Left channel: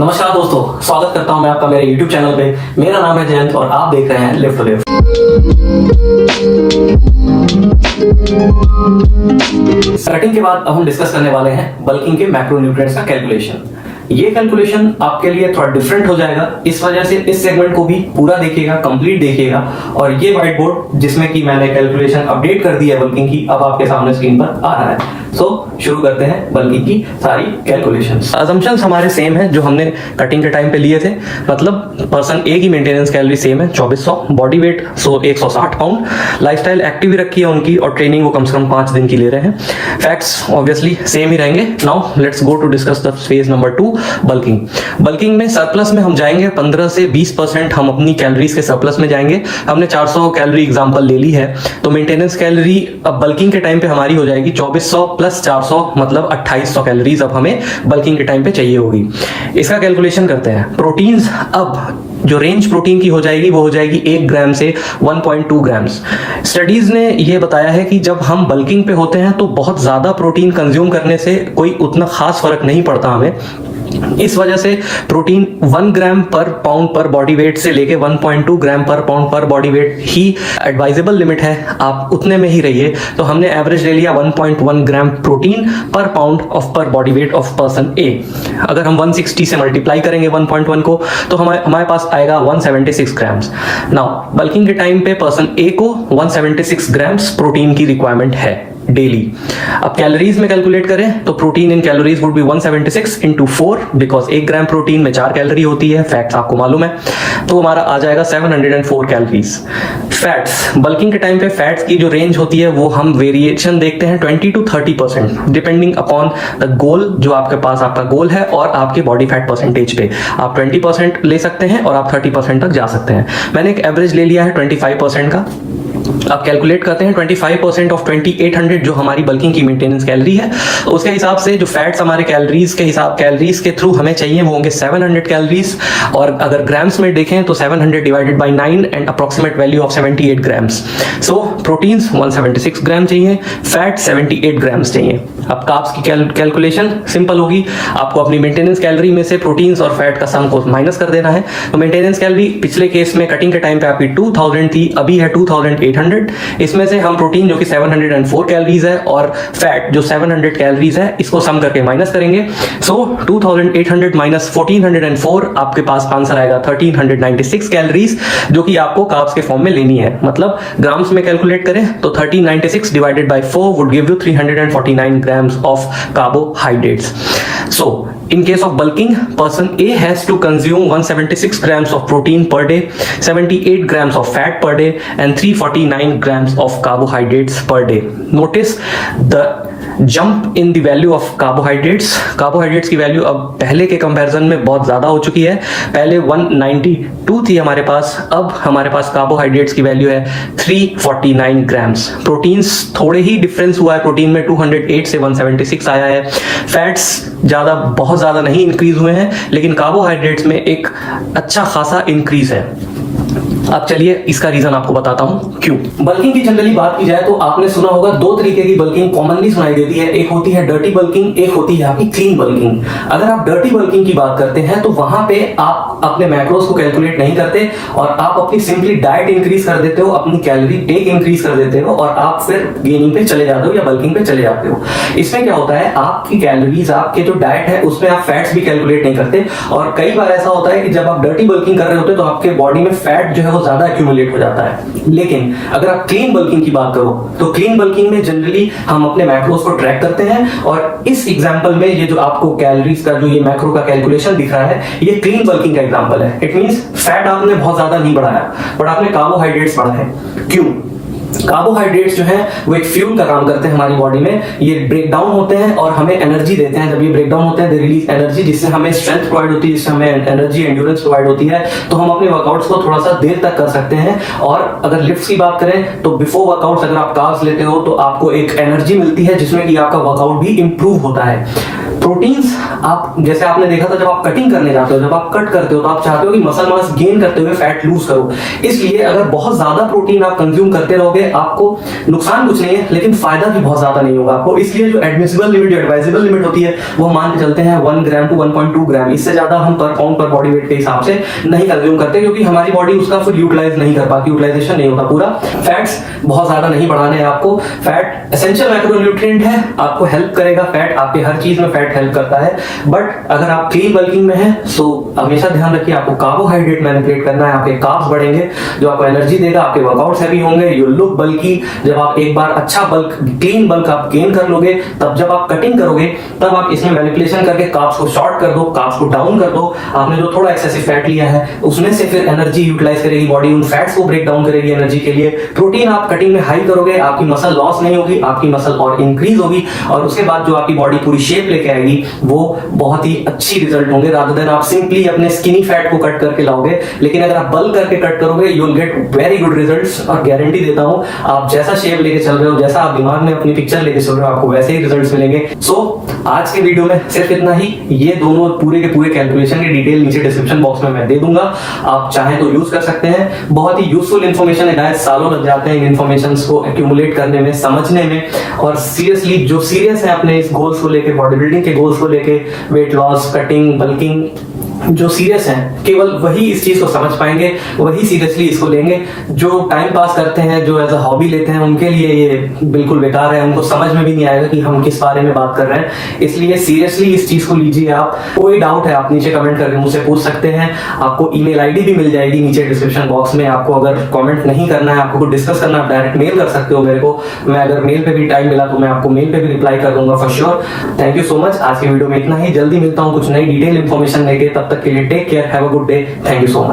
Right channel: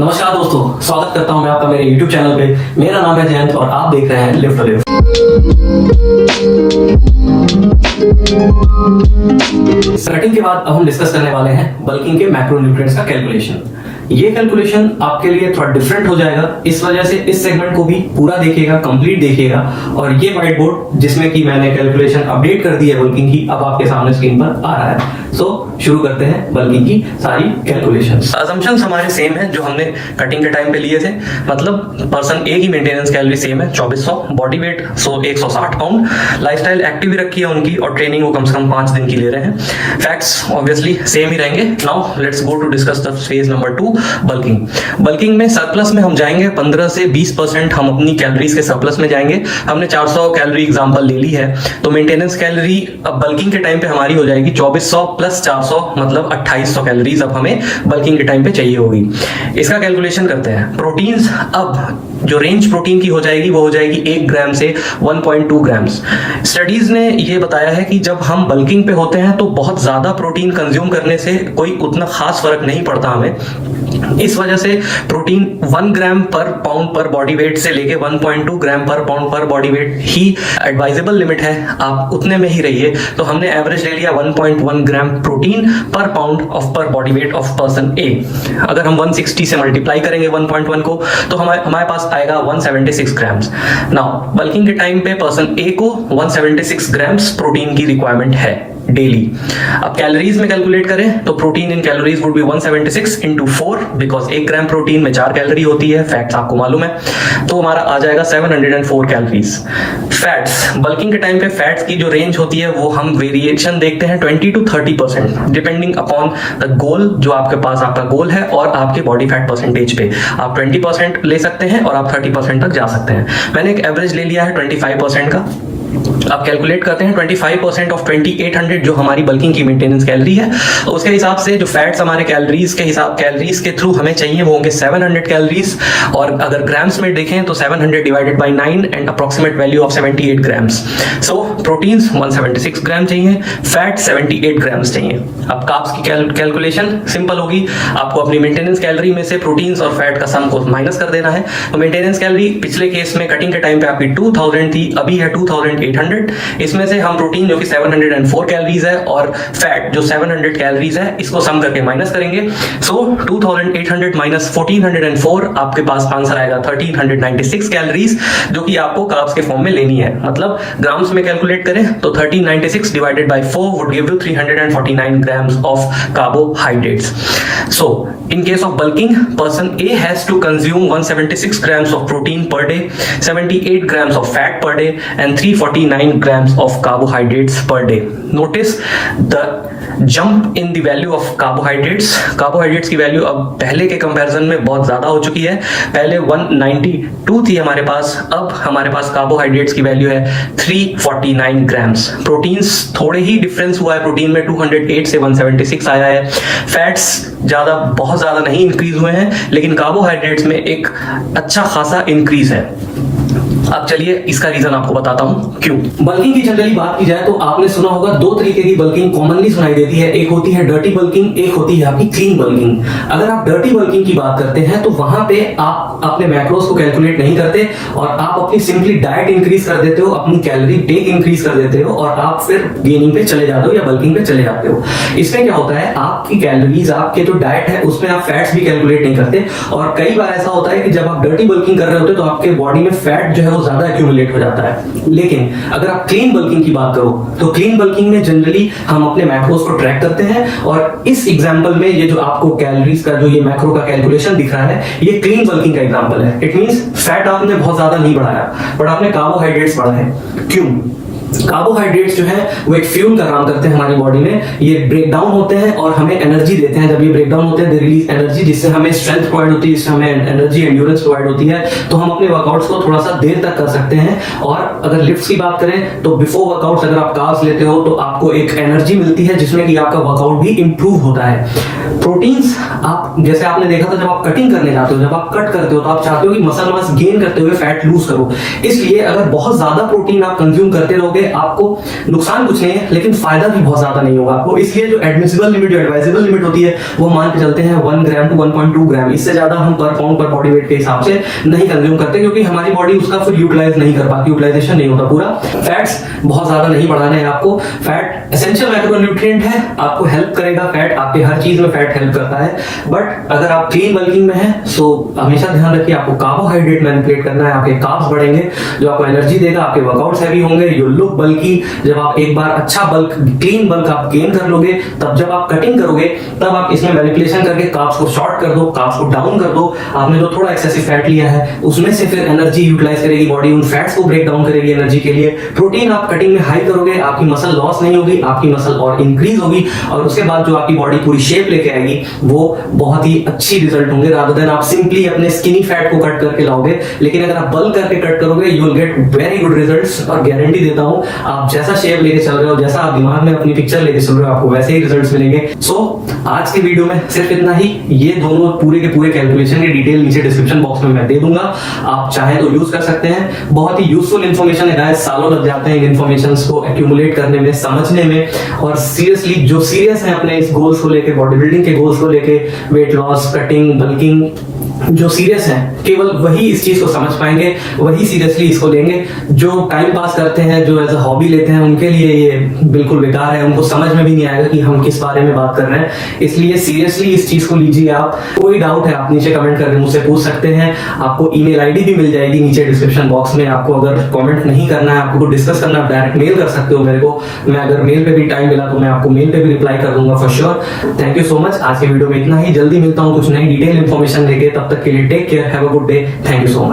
नमस्कार दोस्तों, स्वागत करता हूं मैं आपका मेरे YouTube चैनल पे। मेरा नाम है जयंत और आप देख रहे हैं लिफ्ट टू लिफ्ट। कटिंग के बाद अब हम डिस्कस करने वाले हैं बल्किंग के मैक्रोन्यूट्रिएंट्स का कैलकुलेशन। ये कैलकुलेशन आपके लिए थोड़ा डिफरेंट हो जाएगा, इस वजह से इस सेगमेंट को भी पूरा देखिएगा, कंप्लीट देखिएगा। और ये व्हाइट बोर्ड जिसमें कि मैंने कैलकुलेशन अपडेट कर दी है बल्किंग की, अब आपके सामने स्क्रीन पर आ रहा है। शुरू करते हैं बल्किंग की सारी कैलकुलेशंस। असम्पशंस हमारे सेम है जो हमने कटिंग के टाइम पे लिए थे, मतलब पर्सन ए की मेंटेनेंस कैलोरी सेम है 2400, body weight 160 pound, lifestyle active रखी है उनकी और ट्रेनिंग वो कम से कम 5 दिन की ले रहे हैं। फैक्ट्स ऑब्वियसली सेम ही रहेंगे। Now let's go to discuss the phase number 2, bulking. Bulking में सरप्लस में हम जाएंगे, 15 से 20% हम अपनी कैलोरीज के सरप्लस में जाएंगे। हमने 400 कैलोरी एग्जांपल ले ली है, तो मेंटेनेंस कैलोरी अब बल्किंग के टाइम पे हमारी हो जाएगी 2400 प्लस 400, मतलब 2800 कैलोरीज अब हमें बल्किंग के टाइम पे चाहिए होगी। इसका कैलकुलेशन करते हैं। प्रोटीन्स, अब जो रेंज प्रोटीन की हो जाएगी वो हो जाएगी 1 ग्राम से 1.2 ग्राम्स। स्टडीज ने यह बताया है कि जब हम बल्किंग पे होते हैं तो बहुत ज्यादा प्रोटीन कंज्यूम करने से कोई उतना खास फर्क नहीं पड़ता हमें। इस वजह से प्रोटीन 1 ग्राम पर पाउंड पर बॉडी वेट से लेके 1.2 ग्राम पर पाउंड पर बॉडी वेट ही एडवाइजेबल लिमिट है, आप उतने में ही रहिए। तो हमने एवरेज ले लिया 1.1 ग्राम प्रोटीन पर पाउंड ऑफ पर बॉडी वेट ऑफ पर्सन ए। अगर हम 160 से मल्टीप्लाई करेंगे 1.1 को तो हमारे पास आएगा 176 ग्राम्स। नाउ बल्किंग के टाइम पे पर्सन ए को 176 ग्राम्स प्रोटीन की रिक्वायरमेंट है डेली। अब कैलोरीज में कैलकुलेट करें तो protein in calories would be 176 into 4, because 1 gram protein में 4 कैलोरी होती है, फैक्ट्स आपको मालूम है। तो हमारा आ जाएगा 704 कैलोरीज। फैट्स, बल्किंग के टाइम पे फैट्स की जो रेंज होती है वो हम वेरिएशन देखते हैं 20 to 30%, depending upon the goal. जो आपके पास आपका गोल है और आपके बॉडी फैट परसेंटेज पे आप 20% ले सकते हैं और आप 30% तक जा सकते हैं। मैंने एक एवरेज ले लिया है 25% का। अब कैलकुलेट करते हैं 25% ऑफ 2800 जो हमारी बल्किंग की मेंटेनेंस कैलोरी है, तो उसके हिसाब से जो फैट्स हमारे कैलोरीज के थ्रू हमें चाहिए वो होंगे 700 कैलोरीज। और अगर ग्राम्स में देखें तो 700 divided by 9 and approximate value of 78 grams. So proteins 176 ग्राम चाहिए, फैट 78 ग्राम्स चाहिए। अब कार्ब्स की कैलकुलेशन सिंपल होगी, आपको अपनी मेंटेनेंस कैलोरी में से प्रोटीन्स और फैट का सम को माइनस कर देना है। तो मेंटेनेंस कैलोरी पिछले केस में कटिंग के टाइम पे आपकी 2000 थी, अभी है 2800। इसमें से हम प्रोटीन जो कि 704 कैलोरीज है और फैट जो 700 कैलोरीज है, इसको सम करके माइनस करेंगे। सो 2800 माइनस 1404, आपके पास आंसर आएगा 1396 कैलोरीज, जो कि आपको कार्ब्स के फॉर्म में लेनी है। मतलब ग्राम्स में कैलकुलेट करें तो 1396 divided by 4 would give you 349 grams of carbohydrates. So, in case of bulking, person A has to consume 176 grams of protein per day, 78 grams of fat per day, and 349 grams of carbohydrates per day. Notice the jump in the value of carbohydrates. Carbohydrates की value अब पहले के comparison में बहुत ज्यादा हो चुकी है। पहले 192 थी हमारे पास, अब हमारे पास कार्बोहाइड्रेट्स की वैल्यू है 349 ग्राम्स। प्रोटीन्स थोड़े ही डिफरेंस हुआ है, प्रोटीन में 208 से 176 आया है। फैट्स बहुत ज्यादा नहीं इंक्रीज हुए हैं, लेकिन कार्बोहाइड्रेट्स में एक अच्छा खासा इंक्रीज है। अब चलिए इसका रीजन आपको बताता हूं क्यों। बल्किंग की जनरली बात की जाए तो आपने सुना होगा 2 तरीके की बल्किंग कॉमनली सुनाई देती है। एक होती है डर्टी बल्किंग, एक होती है आपकी क्लीन बल्किंग। अगर आप डर्टी बल्किंग की बात करते हैं तो वहां पे आप अपने मैक्रोस को कैलकुलेट नहीं करते और आप अपनी सिंपली डाइट इंक्रीज कर देते हो, अपनी कैलोरी टेक इंक्रीज कर देते हो और आप फिर गेनिंग पे चले जाते हो या बल्किंग पे चले जाते हो। इसमें क्या होता है, आपकी कैलोरीज, आपके जो डाइट है उसमें आप फैट्स भी कैलकुलेट नहीं करते। और कई बार ऐसा होता है कि जब आप डर्टी बल्किंग कर रहे होते हो तो आपके बॉडी में फैट जो है वो ज्यादा एक्यूमुलेट हो जाता है। लेकिन अगर आप क्लीन बल्किंग की बात करो तो क्लीन बल्किंग में जनरली हम अपने मैक्रोस को ट्रैक करते हैं और इस एग्जांपल में ये जो आपको कैलोरीज का जो ये मैक्रो का कैलकुलेशन दिख रहा है, ये क्लीन बल्किंग का एग्जांपल है। इट मींस फैट आपने बहुत ज्यादा नहीं बढ़ाया, बट आपने कार्बोहाइड्रेट्स बढ़ाए हैं। क्यों? कार्बोहाइड्रेट्स जो है वो एक फ्यूल का काम करते हैं हमारी बॉडी में। ये ब्रेक डाउन होते हैं और हमें एनर्जी देते हैं। जब ये ब्रेक डाउन होते हैं, दे रिलीज एनर्जी, जिससे हमें स्ट्रेंथ प्रोवाइड होती है, जिससे हमें एनर्जी एंड्योरेंस प्रोवाइड होती है। तो हम अपने वर्कआउट्स को थोड़ा सा देर तक कर सकते हैं। और अगर लिफ्ट्स की बात करें तो बिफोर वर्कआउट्स अगर आप कार्ब्स लेते हो तो आपको एक एनर्जी मिलती है जिसमें कि आपका वर्कआउट भी इंप्रूव होता है। प्रोटीन्स आप जैसे आपने देखा था, जब आप कटिंग करने जाते हो, जब आप कट करते हो, तो आप चाहते हो कि मसल मास गेन करते हुए फैट लूज करो। इसलिए अगर बहुत ज्यादा प्रोटीन आप कंज्यूम करते रहोगे, आपको नुकसान कुछ नहीं है, लेकिन फायदा भी बहुत ज्यादा नहीं होगा आपको। इसलिए जो एडमिसिबल लिमिट, जो एडवाइजेबल लिमिट होती है, वो मान के चलते हैं 1 ग्राम टू 1.2 ग्राम। इससे ज्यादा हम पर पाउंड पर बॉडी वेट के हिसाब से नहीं कंज्यूम करते, क्योंकि हमारी बॉडी उसका फिर यूटिलाइज नहीं कर पाती, यूटिलाइजेशन नहीं होता पूरा। फैट्स बहुत ज्यादा नहीं बढ़ाने हैं आपको। फैट एसेंशियल मैक्रोन्यूट्रिएंट है, आपको हेल्प करेगा। फैट आपके हर चीज में फैट हेल्प करता है। बट अगर आप क्लीन बल्किंग में हैं, तो हमेशा ध्यान रखिए आपको कार्बोहाइड्रेट मैनिपुलेट करना है। आपके कार्ब्स बढ़ेंगे, जो आपको एनर्जी देगा, आपके वर्कआउट्स हैवी होंगे, यू लुक बल्की। जब आप एक बार अच्छा बल्क, क्लीन बल्क आप गेन कर लोगे, तब जब आप कटिंग करोगे, तब आप इसमें मैनिपुलेशन करके कार्ब्स को शॉर्ट कर दो, कार्ब्स को डाउन कर दो। आपने जो थोड़ा एक्सेसिव फैट लिया है, उसमें से फिर एनर्जी यूटिलाइज करेगी बॉडी, उन फैट्स को ब्रेक डाउन करेगी एनर्जी के लिए। प्रोटीन आप कटिंग में हाई करोगे, आपकी मसल लॉस नहीं होगी, आपकी मसल और इंक्रीज होगी, और उसके बाद जो आपकी बॉडी पूरी शेप लेके आएगी, वो बहुत ही अच्छी रिजल्ट होंगे, रादर देन आप सिंपली अपने स्किनी फैट को कट करके लाओगे। लेकिन अगर आप बल्क करके कट करोगे, you will get very good results, और गारंटी देता हूं, आप जैसा शेप लेके चल रहे हो, जैसा आप दिमाग में अपनी पिक्चर लेके चल रहे हो, आपको वैसे ही रिजल्ट्स मिलेंगे। सो आज के वीडियो में सिर्फ इतना ही। ये दोनों पूरे के पूरे कैलकुलेशन की डिटेल नीचे डिस्क्रिप्शन बॉक्स में मैं दे दूंगा, आप चाहे तो यूज कर सकते हैं। बहुत ही यूजफुल इन्फॉर्मेशन है गाइस, सालों लग जाते हैं इन इन्फॉर्मेशन को एक्यूमुलेट करने में, समझने में। और सीरियसली जो सीरियस है अपने इस गोल्स को लेके, बॉडी बिल्डिंग के गोल्स को लेके, वेट लॉस, कटिंग, बल्किंग, जो सीरियस हैं, केवल वही इस चीज को समझ पाएंगे, वही सीरियसली इसको लेंगे। जो टाइम पास करते हैं, जो एज अ हॉबी लेते हैं, उनके लिए ये बिल्कुल बेकार है, उनको समझ में भी नहीं आएगा कि हम किस बारे में बात कर रहे हैं। इसलिए सीरियसली इस चीज को लीजिए आप। कोई डाउट है आप नीचे कमेंट करके मुझसे पूछ सकते हैं। आपको ईमेल आईडी भी मिल जाएगी नीचे डिस्क्रिप्शन बॉक्स में। आपको अगर कमेंट नहीं करना है, आपको कुछ डिस्कस करना है, डायरेक्ट मेल कर सकते हो मेरे को। मैं अगर मेल पे भी टाइम मिला तो मैं आपको मेल पे भी रिप्लाई कर दूंगा for sure. Thank you so much. आज के वीडियो में इतना ही। जल्दी मिलता हूँ कुछ नई डिटेल इन्फॉर्मेशन लेके। तब तक के लिए take care, have a good day, thank you so much.